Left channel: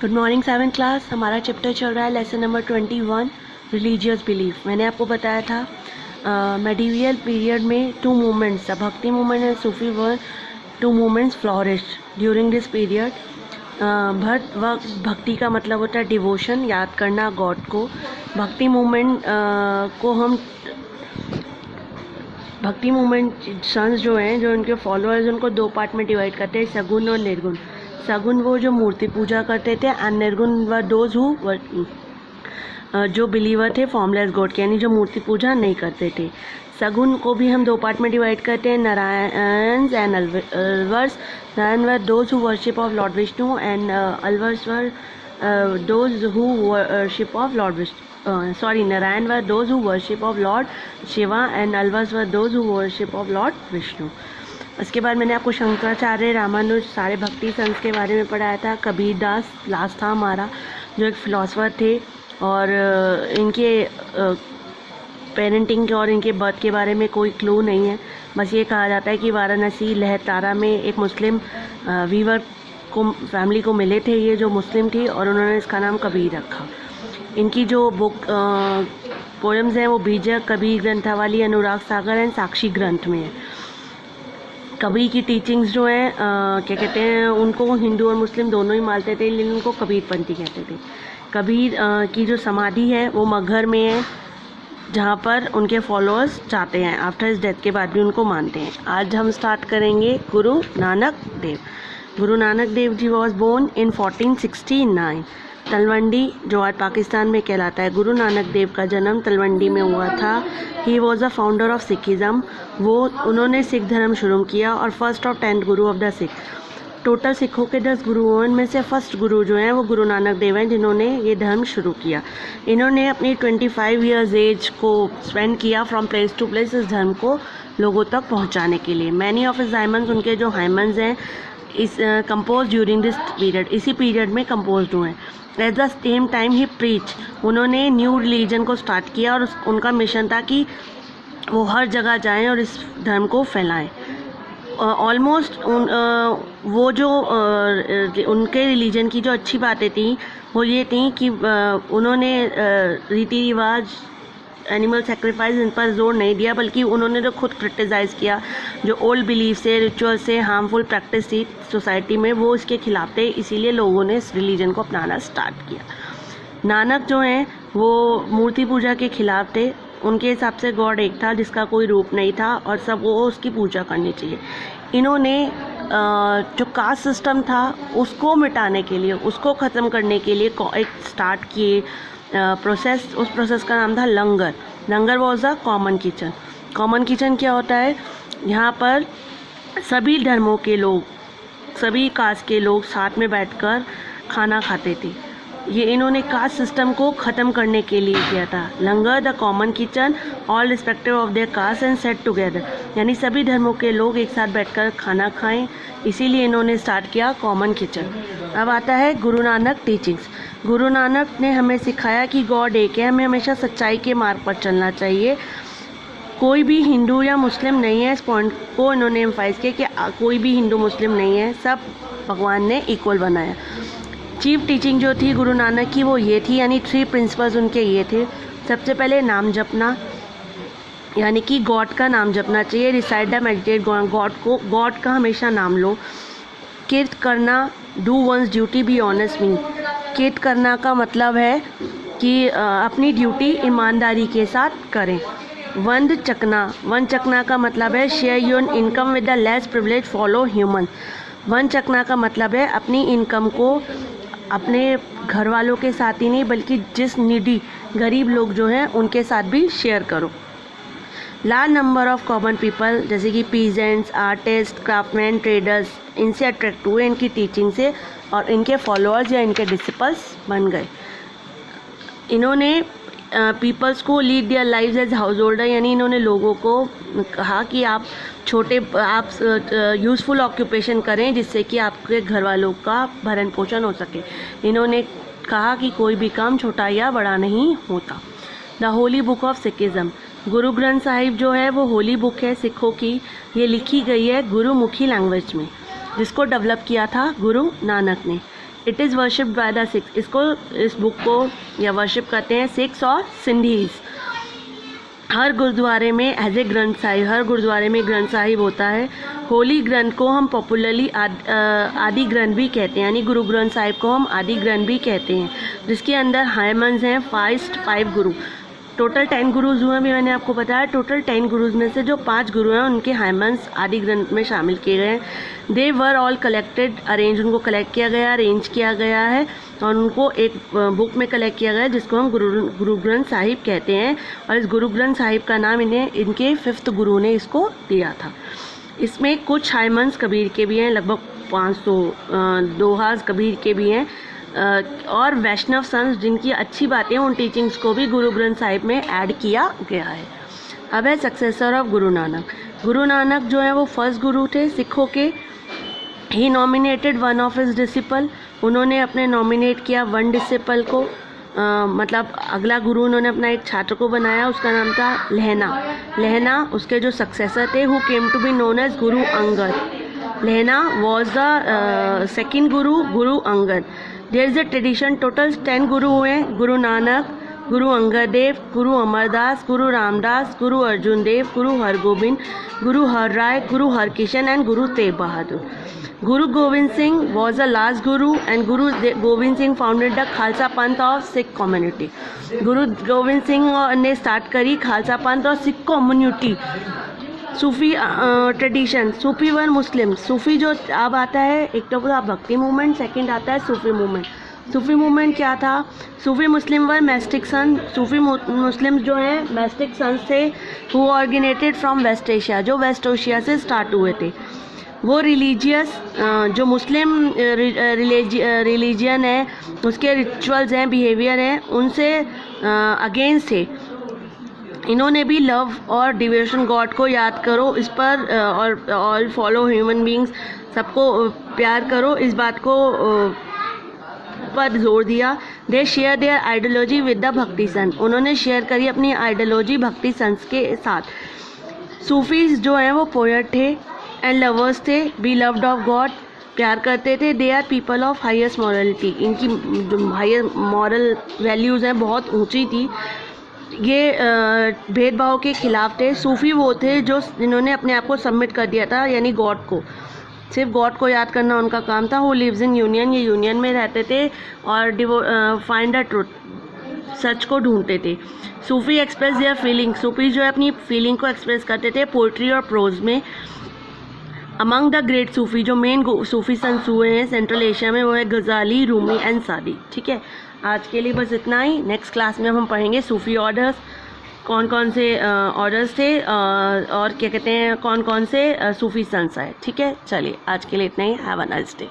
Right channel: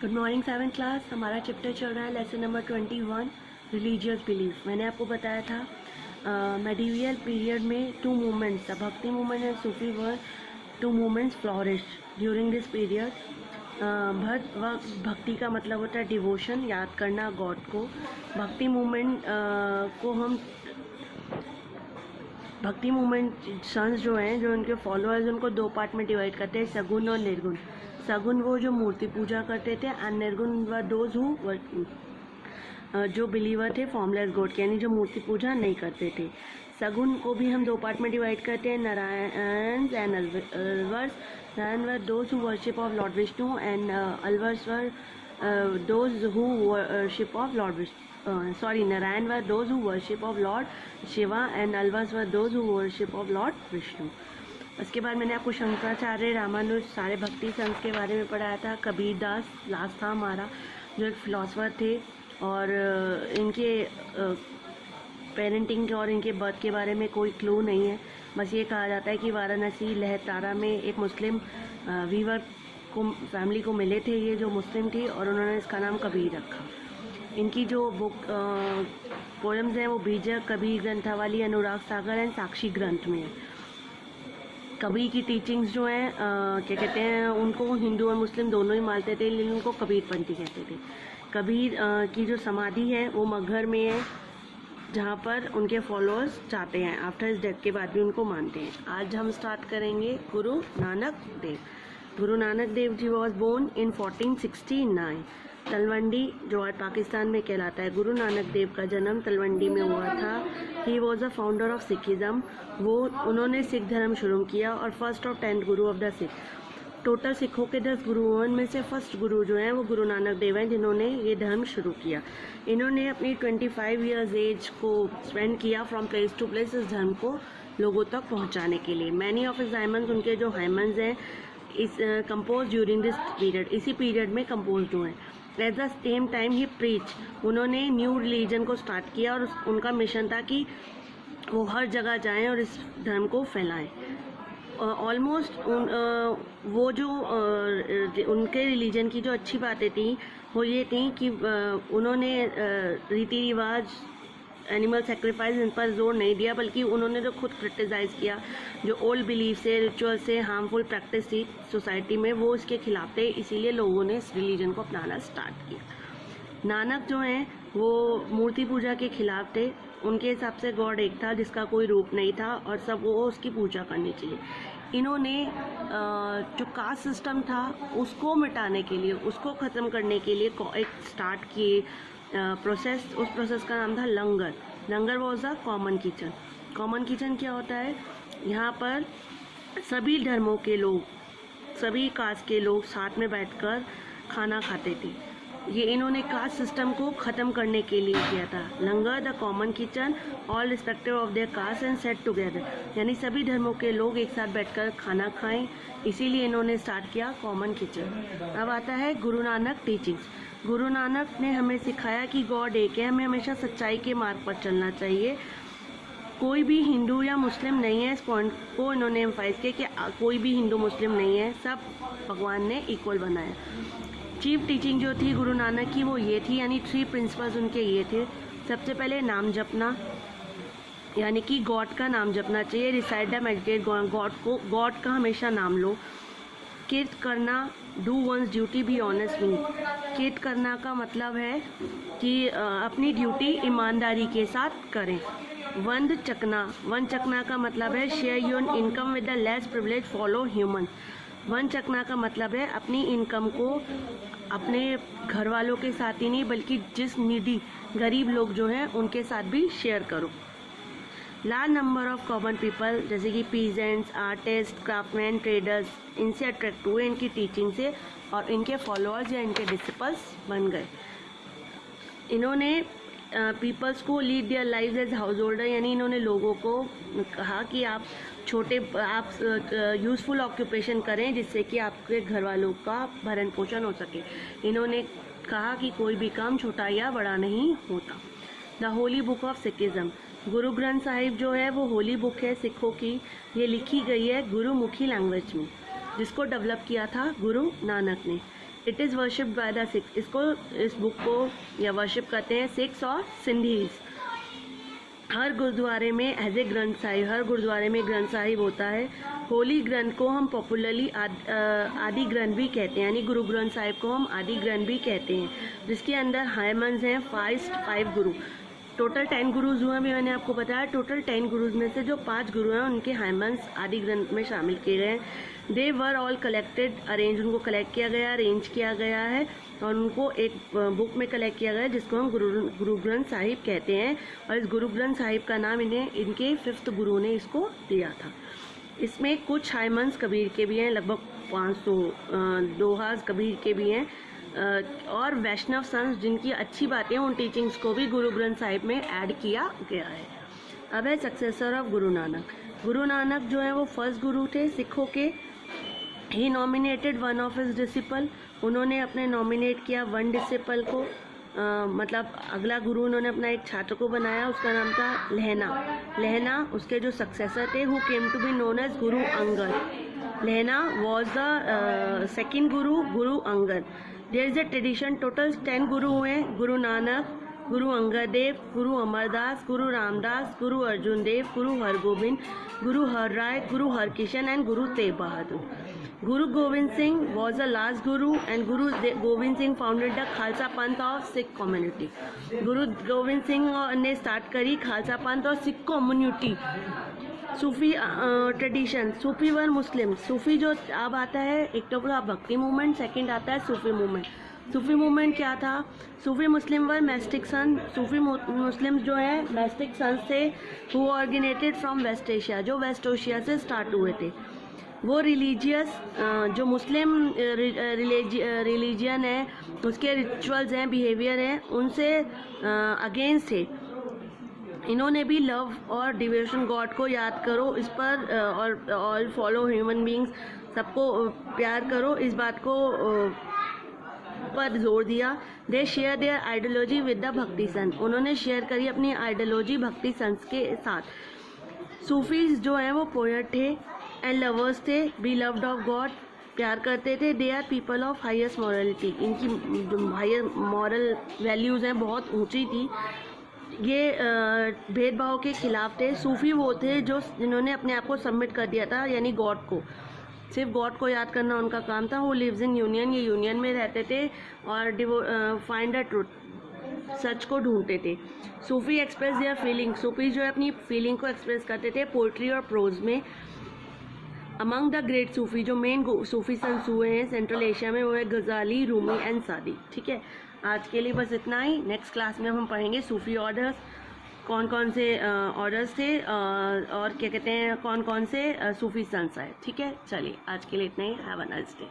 Good morning 7th class. हमारा chapter चल रहा है लेसन नंबर 21 रिलीजियस बिलीफ। मैंने आपको बताया था मेडिवियल पीरियड में two movements, bhakti movement and Sufi were two movements flourished during this period. Bhakti का मतलब होता है डिवोशन, याद करना गॉड को। भक्ति मूवमेंट भक्ति मूवमेंट संस जो हैं, जो उनके फॉलोअर्स, उनको दो पार्ट में डिवाइड करते हैं, सगुण और निर्गुण। सगुण वो जो मूर्ति पूजा करते थे, एंड निर्गुण व दोज हु जो बिलीवर थे फॉर्मलेस गॉड के, यानी जो मूर्ति पूजा नहीं करते थे। सगुण को भी हम दो पार्ट में डिवाइड करते हैं, Narayan and Alvars. Narayan were those who worship of Lord Vishnu and Alvars were those who worship of Lord Vishnu. Narayan were those who worship of Lord Shiva and Alvas were those who worship of Lord Vishnu। उसके बाद मैंने आपको शंकराचार्य, रामानुज, सारे भक्ति संत के बारे में पढ़ाया था। कबीर दास लास्ट था हमारा, जो एक फिलोसफर थे, और इनके पेरेंटिंग के और इनके बर्थ के बारे में कोई क्लू नहीं है। बस ये कहा जाता है कि वाराणसी लहरतारा में एक मुस्लिम वीवर को फैमिली को मिले थे, ये जो मुस्लिम थी, और उन्होंने इसका नाम कबीर रखा। इनकी जो बुक पोएम्स हैं वो बीजक, कबीर ग्रंथावली, अनुराग सागर एंड साक्षी ग्रंथ में है। कबीर की टीचिंग्स जो हैं क्या कहते हैं, उनको हिंदू और मुस्लिम दोनों ही मानते थे, लेकिन उनको कबीरपंथी कहते थे। कबीर की जो समाधि है वो मगहर में है, जहाँ पर उनके फॉलोअर्स जाते हैं, आफ्टर हिज डेथ के बाद भी उनको मानते हैं। आज हम स्टार्ट करेंगे Guru Nanak Dev. Guru Nanak Dev ji was born in 1469 Talwandi, जो आज पाकिस्तान में कहलाता है। गुरु नानक देव का जन्म तलवंडी में हुआ था। He was a founder of Sikhism. उन्होंने सिख धर्म शुरू किया और फर्स्ट और 10th Guru of the Sikh. Total सिखों के 10 गुरुओं में से फर्स्ट गुरु जो हैं वो गुरु नानक देव हैं, जिन्होंने ये धर्म शुरू किया। इन्होंने अपनी 25 ईयर्स एज को स्पेंड किया फ्रॉम प्लेस टू प्लेस इस धर्म को लोगों तक पहुँचाने के लिए। मैनी ऑफ हिज हाइमन्स, उनके जो हाइमन्स हैं, इस कंपोज ड्यूरिंग दिस पीरियड, इसी पीरियड में कंपोज हुए हैं। At the same time he preach, उन्होंने न्यू रिलीजन को स्टार्ट किया, और उनका मिशन था कि वो हर जगह जाएं और इस धर्म को फैलाएं। ऑलमोस्ट वो जो उनके रिलीजन की जो अच्छी बातें थी वो ये थी कि उन्होंने रीति रिवाज, एनिमल सेक्रीफाइस, इन पर जोर नहीं दिया, बल्कि उन्होंने जो खुद क्रिटिसाइज़ किया, जो ओल्ड बिलीफ से, रिचुअल से हार्मफुल प्रैक्टिस थी सोसाइटी में, वो इसके खिलाफ थे। इसीलिए लोगों ने इस रिलीजन को अपनाना स्टार्ट किया। नानक जो हैं वो मूर्ति पूजा के खिलाफ थे। उनके हिसाब से गॉड एक था जिसका कोई रूप नहीं था, और सब वो उसकी पूजा करनी चाहिए। इन्होंने जो कास्ट सिस्टम था उसको मिटाने के लिए, उसको ख़त्म करने के लिए एक स्टार्ट किए प्रोसेस। उस प्रोसेस का नाम था langar. Langar was a common kitchen. Common kitchen क्या होता है? यहाँ पर सभी धर्मों के लोग, सभी कास्ट के लोग साथ में बैठकर खाना खाते थे। ये इन्होंने कास्ट सिस्टम को ख़त्म करने के लिए किया था। Langar the common kitchen, all respective of their caste and set together, यानी सभी धर्मों के लोग एक साथ बैठकर खाना खाएं, इसीलिए इन्होंने स्टार्ट किया कॉमन किचन। अब आता है गुरु नानक टीचिंग्स। गुरु नानक ने हमें सिखाया कि गॉड एक है, हमें हमेशा सच्चाई के मार्ग पर चलना चाहिए। कोई भी हिंदू या मुस्लिम नहीं है, इस पॉइंट को इन्होंने एम्फाइज किया कि कोई भी हिंदू मुस्लिम नहीं है, सब भगवान ने इक्वल बनाया। चीफ टीचिंग जो थी गुरु नानक की वो ये थी, यानी 3 प्रिंसिपल्स उनके ये थे। सबसे पहले नाम जपना, यानी कि गॉड का नाम जपना चाहिए। रिसाइट द मेडिटेट गॉड का हमेशा नाम लो। किर्त करना, do once duty be honest mean. किर्त करना का मतलब है कि अपनी ड्यूटी ईमानदारी के साथ करें। वंद चकना का मतलब है share your income with the less privilege follow human. One चकना का मतलब है अपनी इनकम को अपने घर वालों के साथ ही नहीं, बल्कि जिस नीडी गरीब लोग जो हैं उनके साथ भी शेयर करो। Large number of common people, जैसे कि पीजेंट्स, आर्टिस्ट, क्राफ्टमैन, ट्रेडर्स, इनसे अट्रैक्ट हुए इनकी टीचिंग से, और इनके फॉलोअर्स या इनके डिसिपल्स बन गए। इन्होंने पीपल्स को लीड दियर लाइव्स एज हाउस होल्डर, यानी इन्होंने लोगों को कहा कि आप यूज़फुल ऑक्यूपेशन करें, जिससे कि आपके घर वालों का भरण पोषण हो सके। इन्होंने कहा कि कोई भी काम छोटा या बड़ा नहीं होता। The Holi book of Sikhism, Guru Granth Sahib जो है वो होली बुक है सिखों की। ये लिखी गई है गुरुमुखी लैंग्वेज में, जिसको डेवलप किया था गुरु नानक ने। It is worshipped by the six, इसको इस बुक को या वर्शिप करते हैं सिक्स और सिंधीज़। हर गुरुद्वारे में एज ए ग्रंथ साहिब, हर गुरुद्वारे में ग्रंथ साहिब होता है। होली ग्रंथ को हम पॉपुलरली आदि ग्रंथ भी कहते हैं, यानी गुरु ग्रंथ साहिब को हम आदि ग्रंथ भी कहते हैं, जिसके अंदर हायमंस हैं 5 गुरु। टोटल 10 गुरुज हुए, अभी मैंने आपको बताया। टोटल 10 गुरुज में से जो 5 गुरु हैं उनके हायमंस आदि ग्रंथ में शामिल किए गए हैं। दे वर ऑल कलेक्टेड अरेंज, उनको कलेक्ट किया गया, अरेंज किया गया है और उनको एक बुक में कलेक्ट किया गया है जिसको हम गुरु ग्रंथ साहिब कहते हैं। और इस गुरु ग्रंथ साहिब का नाम इनके 5th गुरु ने इसको दिया था। इसमें कुछ हायमंस कबीर के भी हैं, लगभग 500 दोहाज कबीर के भी हैं, और वैष्णव संत जिनकी अच्छी बातें उन टीचिंग्स को भी गुरु ग्रंथ साहिब में ऐड किया गया है। अब है सक्सेसर ऑफ गुरु नानक। गुरु नानक जो है वो फर्स्ट गुरु थे सिखों के। He nominated one of his disciple, उन्होंने अपने नॉमिनेट किया 1 डिसिपल को, मतलब अगला गुरु उन्होंने अपना एक छात्र को बनाया, उसका नाम था लहना। उसके जो सक्सेसर थे who came to be known as Guru Angad. Lehna was the second Guru Angad. There is a tradition, total 10 गुरु हुए, गुरु नानक, गुरु अंगद देव, गुरु अमरदास, गुरु रामदास, गुरु अर्जुन देव, गुरु हरगोबिंद, गुरु हरराय, गुरु Harkishan and Guru Tegh Bahadur. Guru Gobind Singh was the last guru and Guru Gobind Singh founded the Khalsa Panth of Sikh community. Guru Gobind Singh ने start करी खालसा पंथ और Sikh community. सूफी tradition, सूफी वर मुस्लिम। सूफी जो अब आता है, एक तो पूरा भक्ति मूवमेंट, सेकंड आता है सूफी मूवमेंट। सूफी मूवमेंट क्या था? सूफी मुस्लिम वर मैस्टिक सन। सूफी मुस्लिम जो है मैस्टिक सन्स थे हु ऑर्गेनेटेड फ्रॉम वेस्ट एशिया, जो वेस्ट एशिया से स्टार्ट हुए थे। वो रिलीजियस जो मुस्लिम रिलीजियन है उसके रिचुअल्स हैं, बिहेवियर हैं, उनसे अगेंस्ट थे। इन्होंने भी लव और डिवोशन गॉड को याद करो इस पर और फॉलो ह्यूमन बींग्स, सबको प्यार करो, इस बात को पर जोर दिया। They share their ideology with the bhakti sant, उन्होंने शेयर करी अपनी आइडियोलॉजी भक्ति संत के साथ। सूफीज जो हैं वो पोएट थे एंड लवर्स थे, बी लव्ड ऑफ गॉड, प्यार करते थे। They are people of highest morality, इनकी जो हायर मॉरल वैल्यूज़ हैं बहुत ऊंची थी। ये भेदभाव के खिलाफ थे। सूफी वो थे जो जिन्होंने अपने आप को सबमिट कर दिया था, यानी गॉड को, सिर्फ गॉड को याद करना उनका काम था। वो लिव्स इन यूनियन, ये यूनियन में रहते थे और फाइंड द ट्रूथ, सच को ढूंढते थे। सूफी एक्सप्रेस देयर फीलिंग, सूफी जो है अपनी फीलिंग को एक्सप्रेस करते थे पोइट्री और प्रोज में। अमंग द ग्रेट सूफी, जो मेन सूफी संत हुए हैं सेंट्रल एशिया में, वो है गजाली, रूमी एंड सादी। ठीक है, आज के लिए बस इतना ही। नेक्स्ट क्लास में हम पढ़ेंगे सूफी ऑर्डर्स, कौन कौन से ऑर्डर्स थे और क्या कहते हैं, कौन कौन से सूफी संत आए। ठीक है, चलिए आज के लिए इतना ही। Have a nice day.